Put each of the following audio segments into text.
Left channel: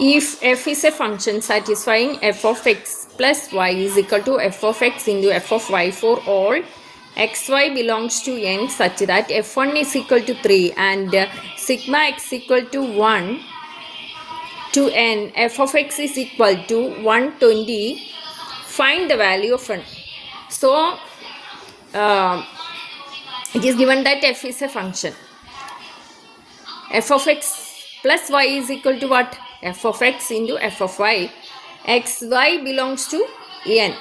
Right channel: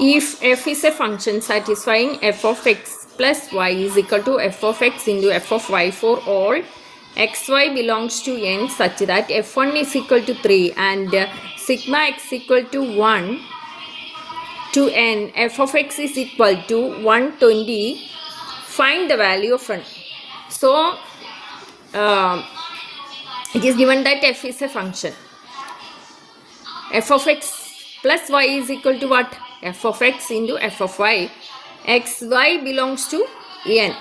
If f is a function satisfying f of x plus y is equal to f of x into f of y for all xy belongs to n such that f1 is equal to 3 and sigma x equal to 1 to n, f of x is equal to 120, find the value of n. So, it is given that f is a function. F of x plus y is equal to what? F of x into f of y. xy belongs to n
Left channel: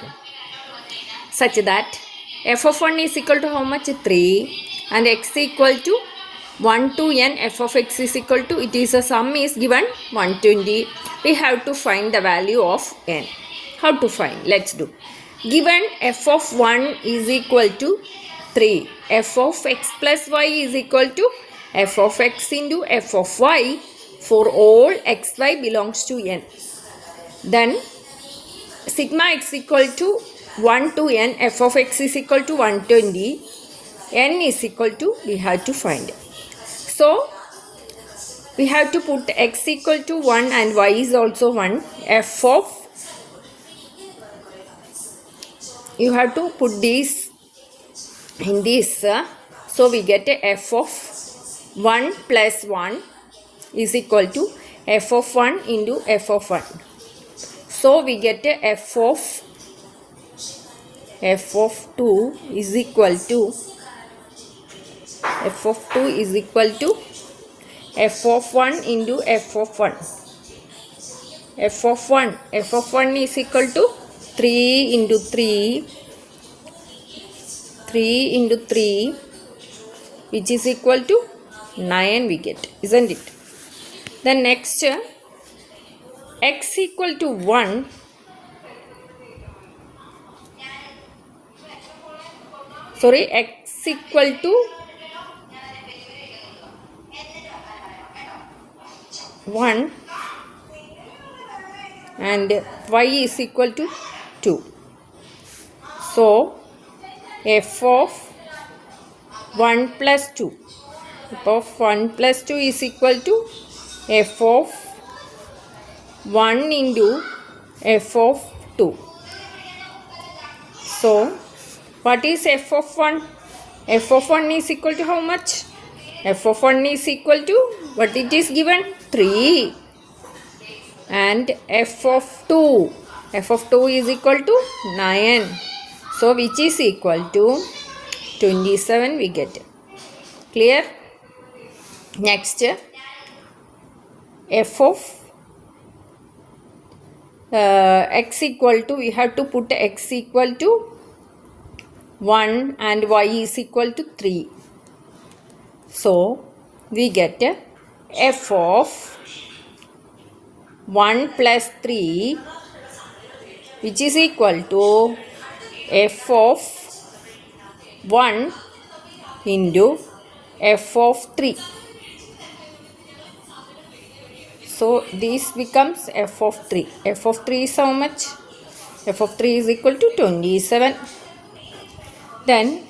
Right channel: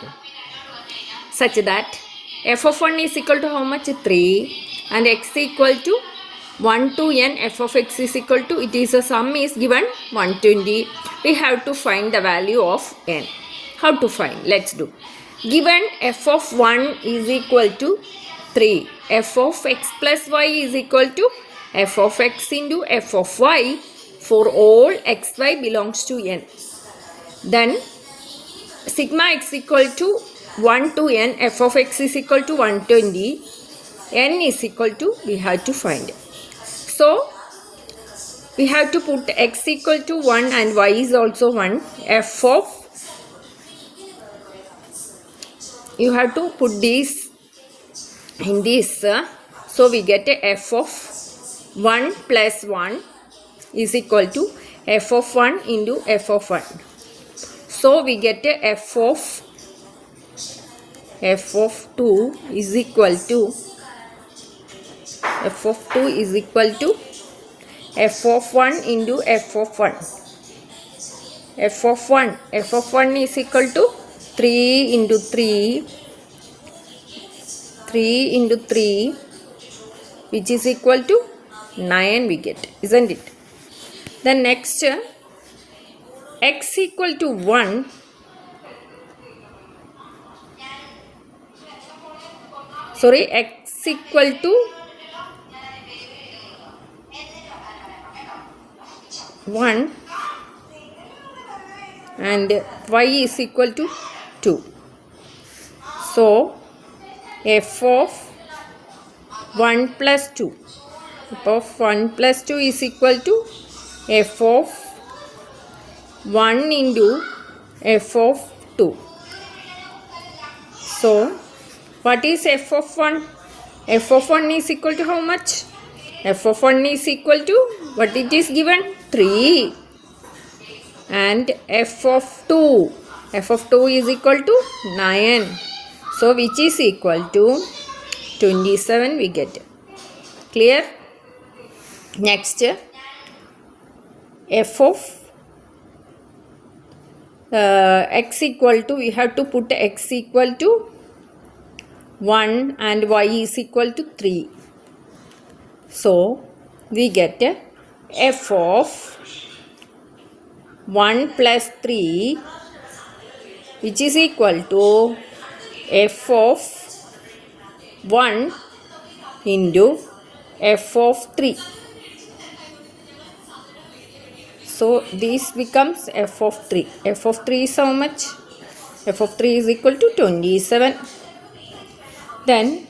such that f of 1 is equal to how much? 3 and x equal to 1 to n. F of x is equal to, it is a sum is given 120. We have to find the value of n. How to find? Let's do. Given f of 1 is equal to 3, f of x plus y is equal to f of x into f of y for all xy belongs to n. Then sigma x equal to 1 to n, f of x is equal to 120, n is equal to, we have to find. So, we have to put x equal to 1 and y is also 1. F of, you have to put this in this. So, we get a f of 1 plus 1 is equal to f of 1 into f of 1. So, we get a f of 2 is equal to f of 2 is equal to f of 1 into f of 1. F of 1 is equal to 3 into 3 into 3 which is equal to 9 we get, isn't it? Then next x equal to 1 x equal to 1 and y is equal to 2. So, f of 1 plus 2. F of 1 plus 2 is equal to f of 1 into f of 2. So, what is f of 1? F of 1 is equal to how much? F of 1 is equal to, what it is given? 3. And f of 2. F of 2 is equal to 9. So, which is equal to 27 we get. Clear? Next, f of x equal to, we have to put x equal to 1 and y is equal to 3. So, we get f of 1 plus 3 which is equal to f of 1 into f of 3. So, this becomes f of 3. F of 3 is how much? F of 3 is equal to 27. Then,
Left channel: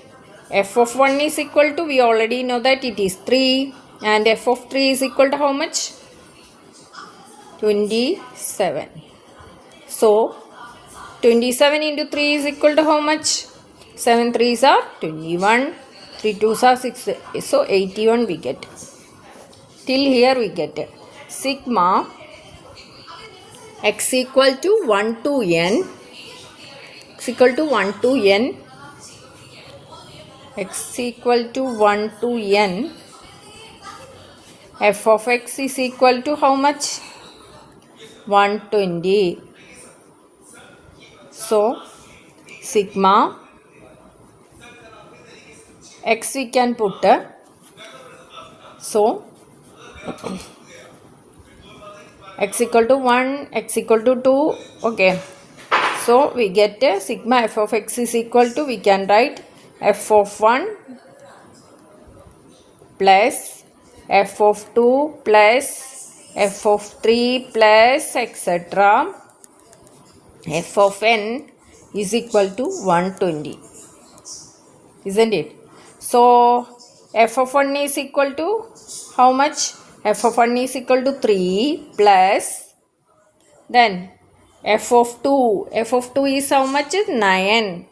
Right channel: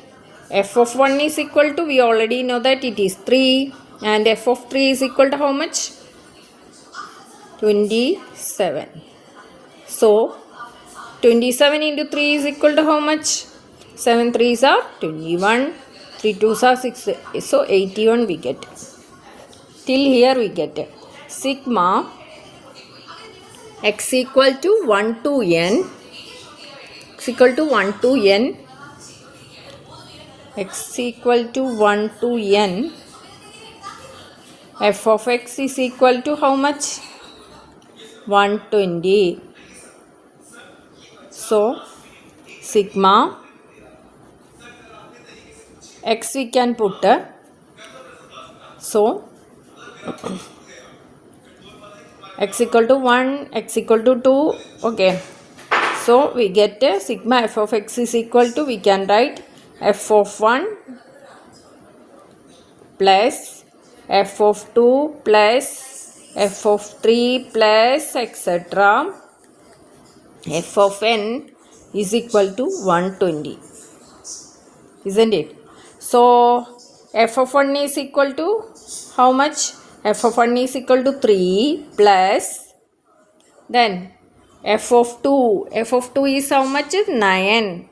f of 1 is equal to, we already know that it is 3. And f of 3 is equal to how much? 27. So, 27 into 3 is equal to how much? 7 3s are 21. 3 2s are 6. So, 81 we get. Till here we get sigma x equal to 1 to n. X equal to 1 to n. X equal to 1 to n. F of x is equal to how much? 120. So, sigma x we can put. So, x equal to 1, x equal to 2. Okay. So, we get sigma f of x is equal to, we can write f of 1 plus f of 2 plus f of 3 plus etc. F of n is equal to 120. Isn't it? So, f of 1 is equal to how much? F of 1 is equal to 3 plus Then f of 2 is how much? 9.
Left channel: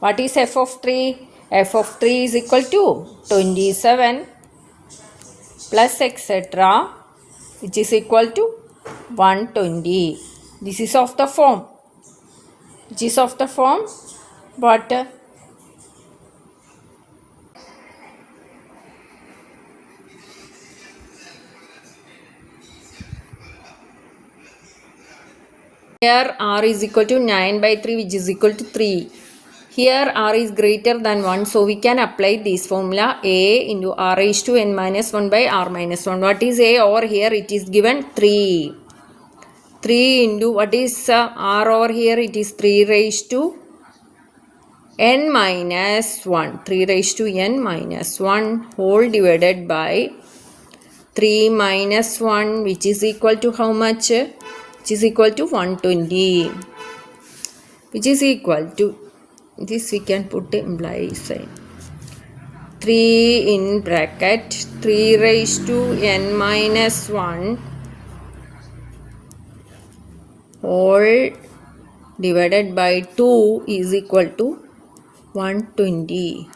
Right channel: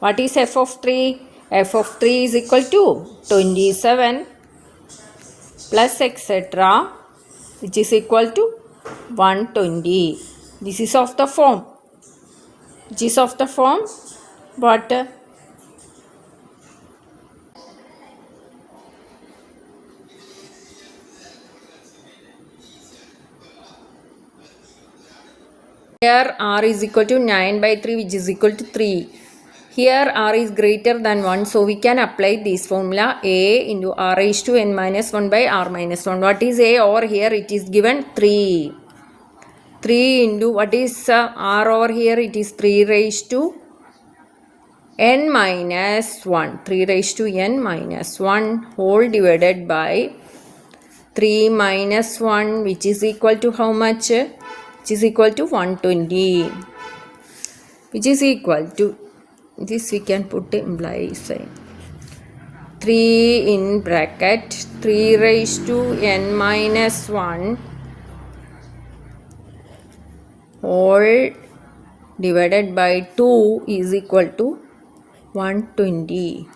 What is f of 3? F of 3 is equal to 27 plus etc., which is equal to 120. This is of the form. Which is of the form what? Here r is equal to 9 by 3, which is equal to 3. Here r is greater than 1, so we can apply this formula a into r raised to n minus 1 by r minus 1. What is a over here? It is given 3. 3 into what is r over here? It is 3 raised to n minus 1. 3 raised to n minus 1 whole divided by 3 minus 1, which is equal to how much? Which is equal to 120. Which is equal to, this we can put imply sign. 3 in bracket 3 raised to n minus 1 whole divided by 2 is equal to 120.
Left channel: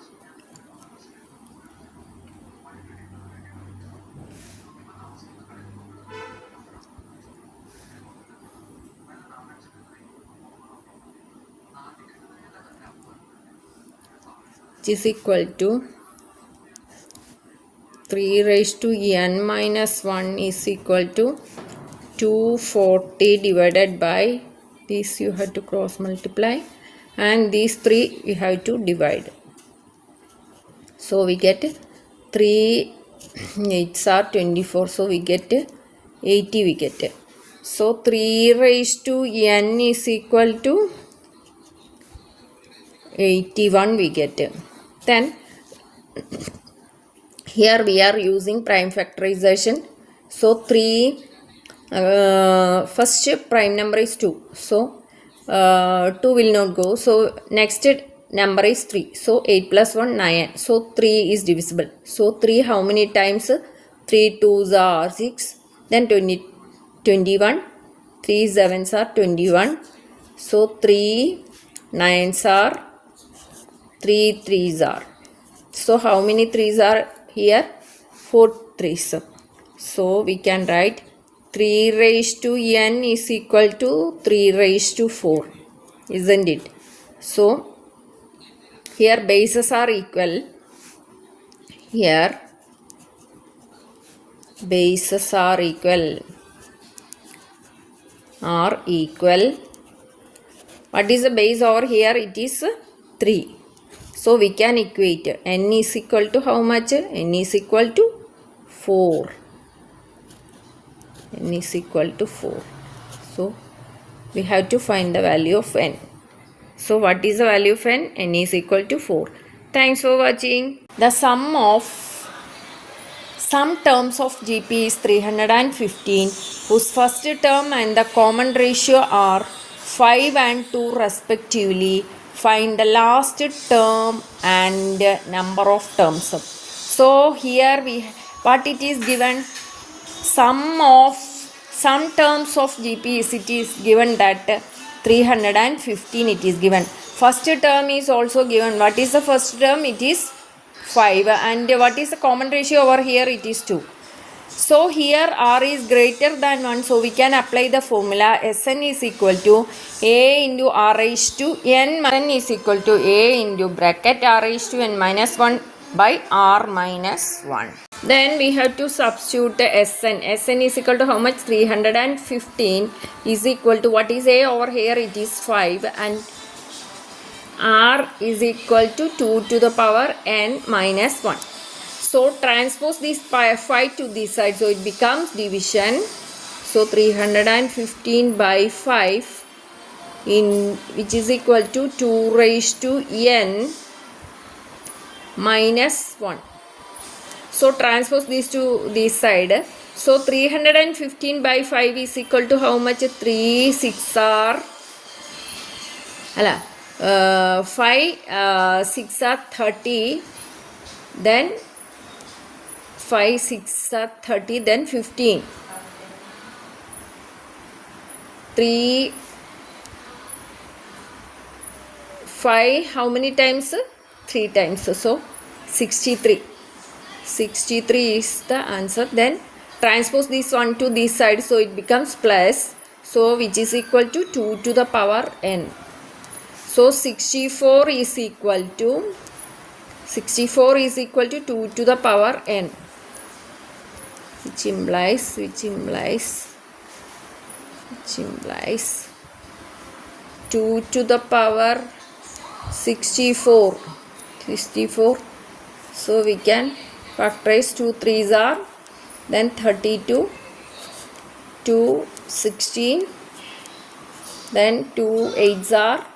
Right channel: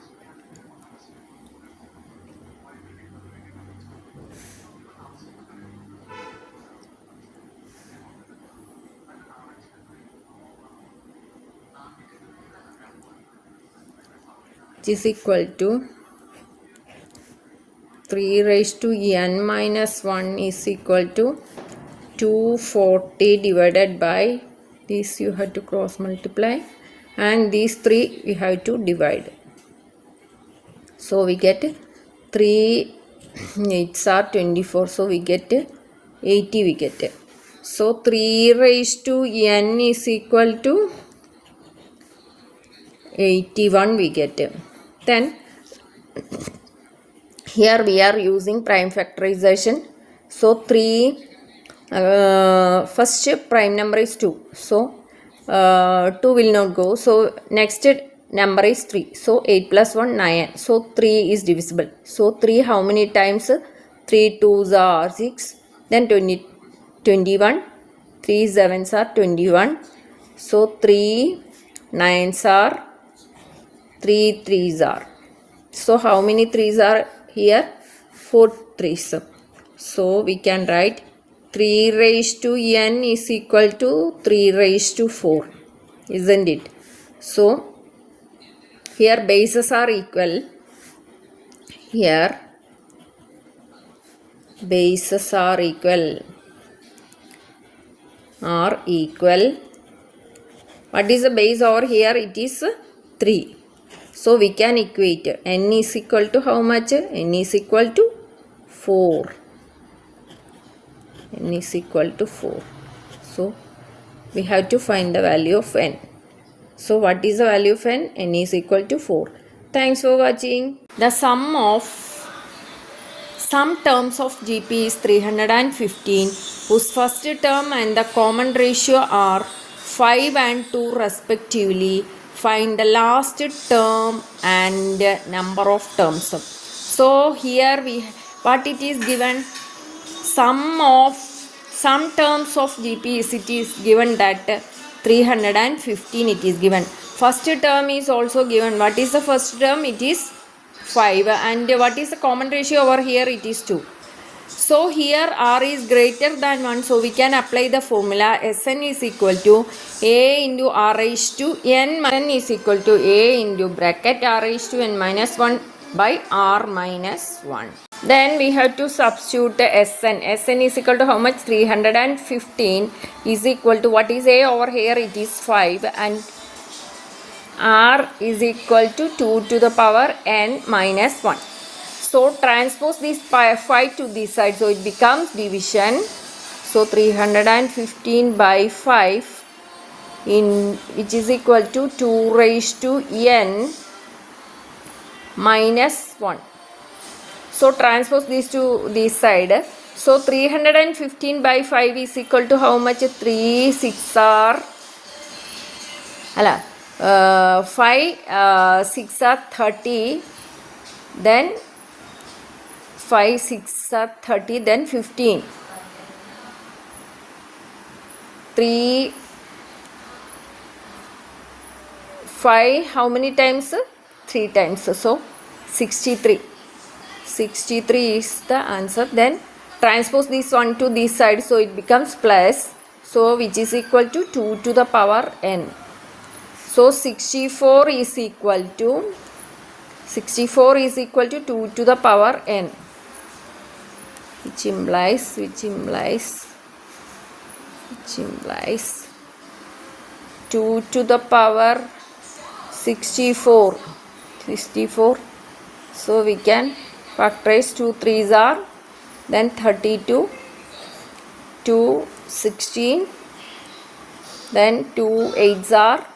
Which is equal to 3 raised to n minus 1 is equal to 240 divided by this, you have to cross multiply, and these 3 we have to divide. So we get 3 8s are 24, so we get 80 we get. So 3 raised to n is equal to 81 we get. Then here we are using prime factorization. So 3 first prime number is 2, so 2 will not go, so next number is 3, so 8 plus 1 9, so 3 is divisible. So 3 how many times? 3 2s are 6, then 20 21, 3 7s are 21, so 3 9s are 3 3s are, so how many 3s are here? 4 3s. So we can write 3 raised to n is equal to 3 raised to 4, isn't it? So here bases are equal. Here bases are equal. What is the base over here? It is 3. So we can equate n is equal to how much? N is equal to 4. N is equal to 4. So we have to find the value of n. So what is the value of n? N is equal to 4. Thanks for watching. The sum terms of GP is 315, whose first term and the common ratio are 5 and 2 respectively. Find the last term and number of terms. So here what it is given, some terms of GP it is given that 315 it is given. First term is also given. What is the first term? It is 5, and what is the common ratio over here? It is 2. So here r is greater than 1, so we can apply the formula Sn is equal to a into r raised to n is equal to a into bracket r raised to n minus 1 by r minus 1. Then we have to substitute the Sn. Sn is equal to how much? 315 is equal to, what is a over here? It is 5, and r is equal to 2 to the power n minus 1. So transpose this 5 to this side, so it becomes division. So 315 by 5 which is equal to 2 raised to n minus 1. So transpose this to this side. So 315 by 5 is equal to how much? 3 6 are 5 6 are 30, then 5 6 are 30, then 15. 3, 5, how many times? 3 times. So 63. 63 is the answer. Then transpose this one to this side, so it becomes plus. So which is equal to 2 to the power n. So 64 is equal to 2 to the power n, which implies 2 to the power 64. So we can factorize 2 3s are, then 32, 2 16, then 2 8s are,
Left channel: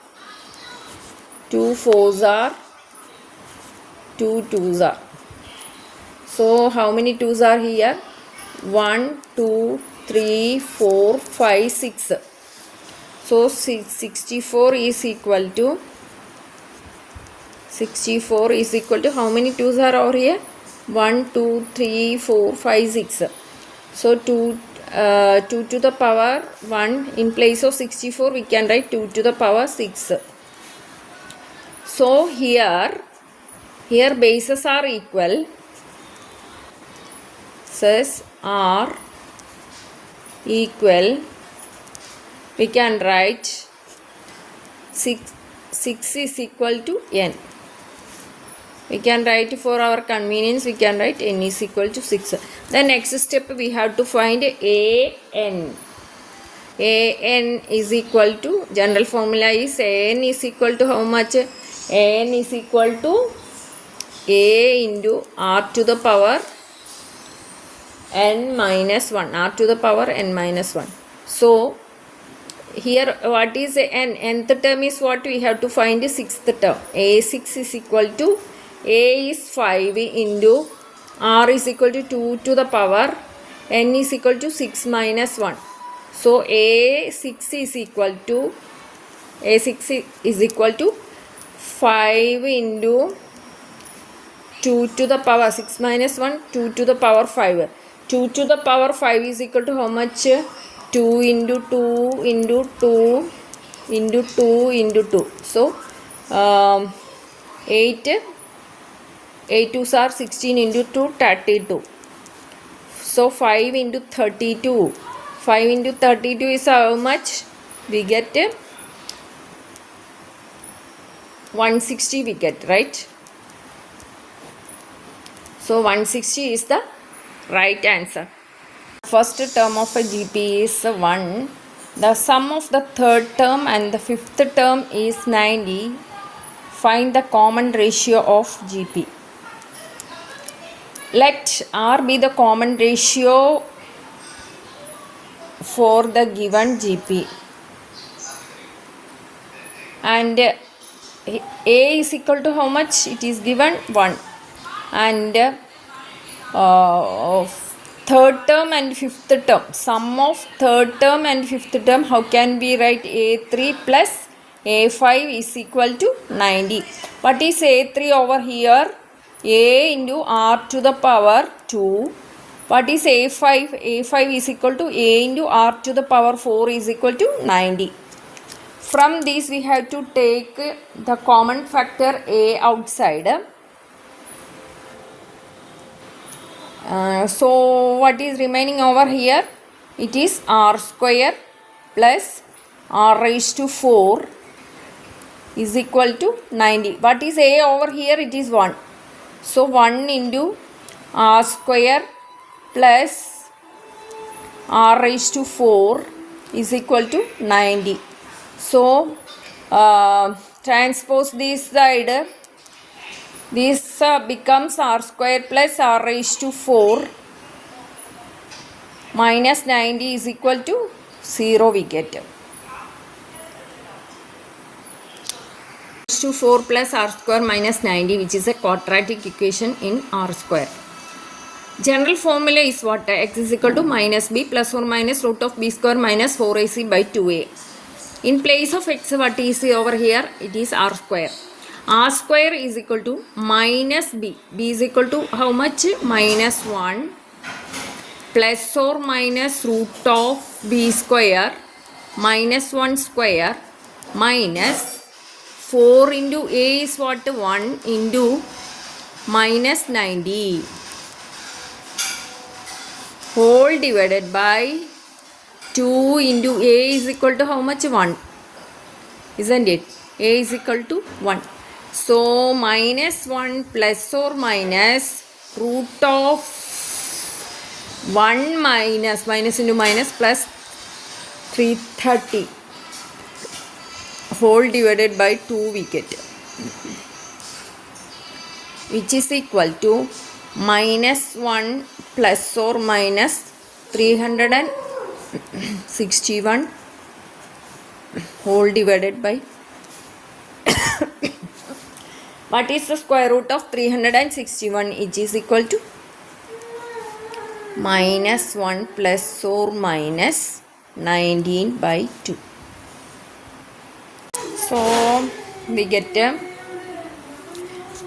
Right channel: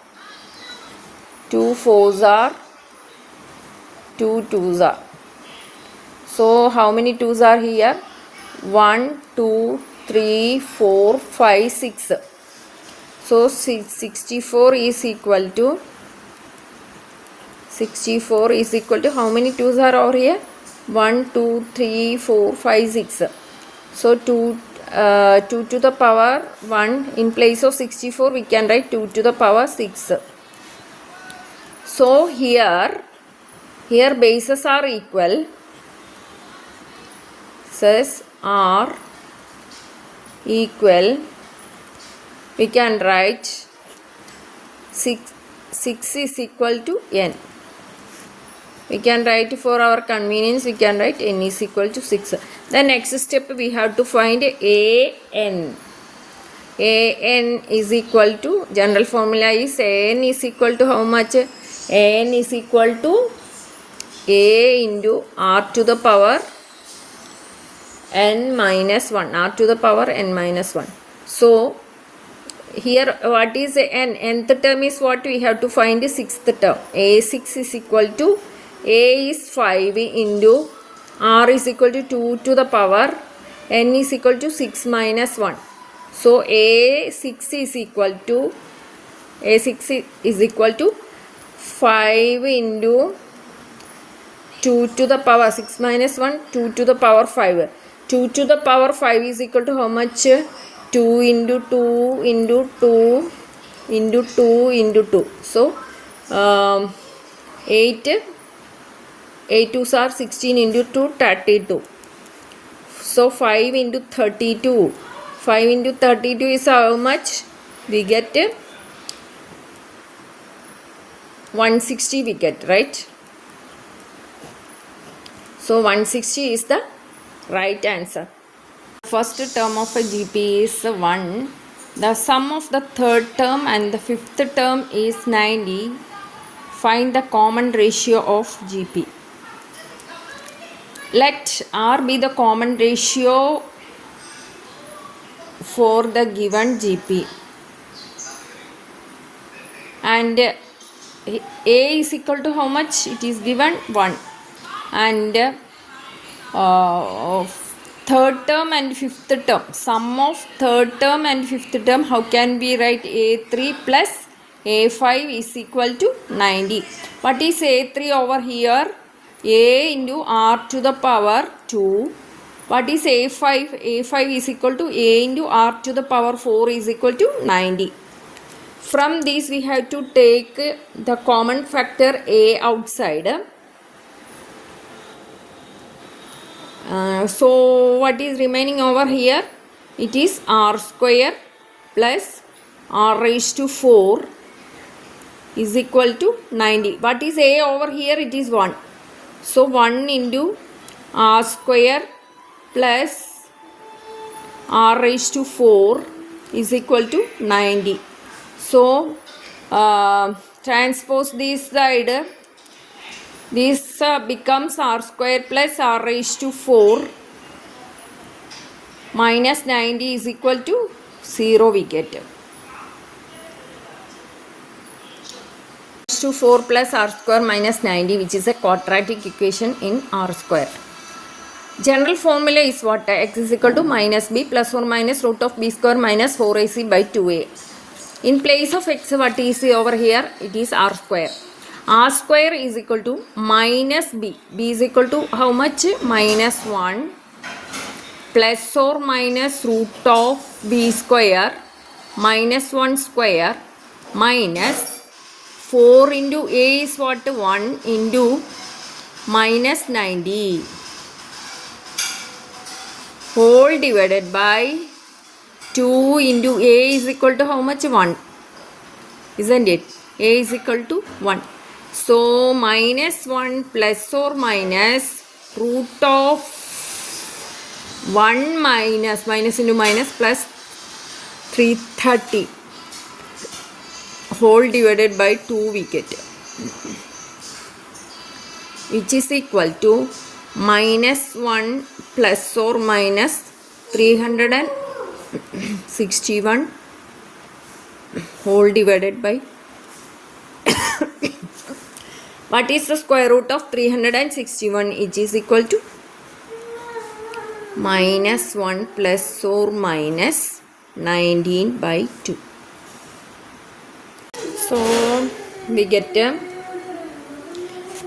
2 4s are, 2 2s are. So how many 2s are here? 1 2 3 4 5 6. So 64 is equal to how many 2s are over here? 1 2 3 4 5 6. So 2 to the power 1, in place of 64 we can write 2 to the power 6. So here bases are equal, says are equal, we can write 6 is equal to n. We can write, for our convenience, we can write n is equal to 6. The next step we have to find an. An is equal to, general formula is an is equal to how much? An is equal to a into r to the power n minus 1. R to the power n minus 1. So here what is n? Nth term is what? We have to find the sixth term. A6 is equal to, a is 5 into r is equal to 2 to the power n is equal to 6 minus 1. So A6 is equal to 5 into 2 to the power 6 minus 1, 2 to the power 5. 2 to the power 5 is equal to how much? 2 into 2 into 2 into 2 into 2. So 8 2s are 16 into 2, 32. So 5 into 32. 5 into 32 is how much? We get 160 we get, right? So 160 is the right answer. First term of a GP is 1. The sum of the third term and the fifth term is 90. Find the common ratio of GP. Let R be the common ratio for the given GP. And A is equal to how much? It is given 1. And third term and fifth term. Sum of third term and fifth term, how can we write? A3 plus A5 is equal to 90. What is A3 over here? A into R to the power 2. What is A5? A5 is equal to A into R to the power 4 is equal to 90. From this we have to take the common factor A outside. So what is remaining over here? It is R square plus R raised to 4 is equal to 90. What is A over here? It is 1. So 1 into R square plus R raised to 4 is equal to 90. So transpose this side. This becomes R square plus R raised to 4 minus 90 is equal to 0 we get. To 4 plus R square minus 90, which is a quadratic equation in R square. General formula is what? X is equal to minus b plus or minus root of b square minus 4ac by 2a. In place of x, what is over here? It is R square. R square is equal to minus b. B is equal to how much? Minus 1 plus or minus root of b square minus 1 square minus 4 into a is what? 1 into minus 90 whole divided by 2 into a is equal to how much? 1. Isn't it? A is equal to 1. So minus 1 plus or minus root of 1 minus into minus plus 330 whole divided by 2 we get, which is equal to minus 1 plus or minus 361 whole divided by what is the square root of 361? It is equal to minus 1 plus or minus 19 by 2. So we get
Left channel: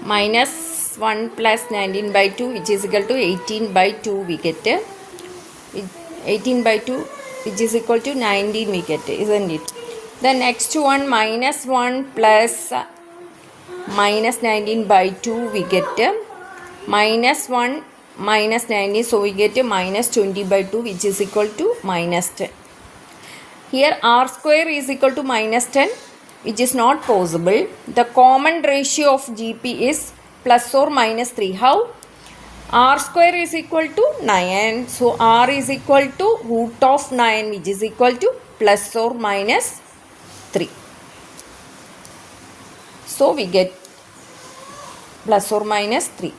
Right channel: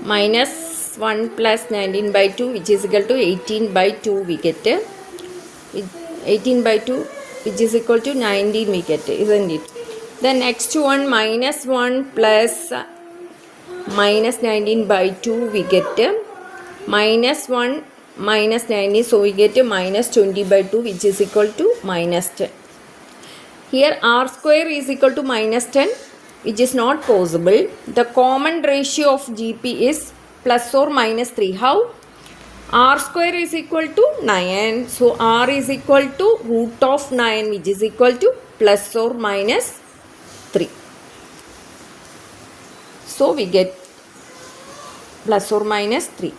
minus 1 plus 19 by 2, which is equal to 18 by 2 we get. 18 by 2 which is equal to 19 we get, isn't it? The next one, minus 1 plus minus 19 by 2 we get minus 1 minus 19, so we get minus 20 by 2, which is equal to minus 10. Here r square is equal to minus 10, which is not possible. The common ratio of GP is plus or minus 3. How? R square is equal to 9. So r is equal to root of 9, which is equal to plus or minus 3. So we get plus or minus 3.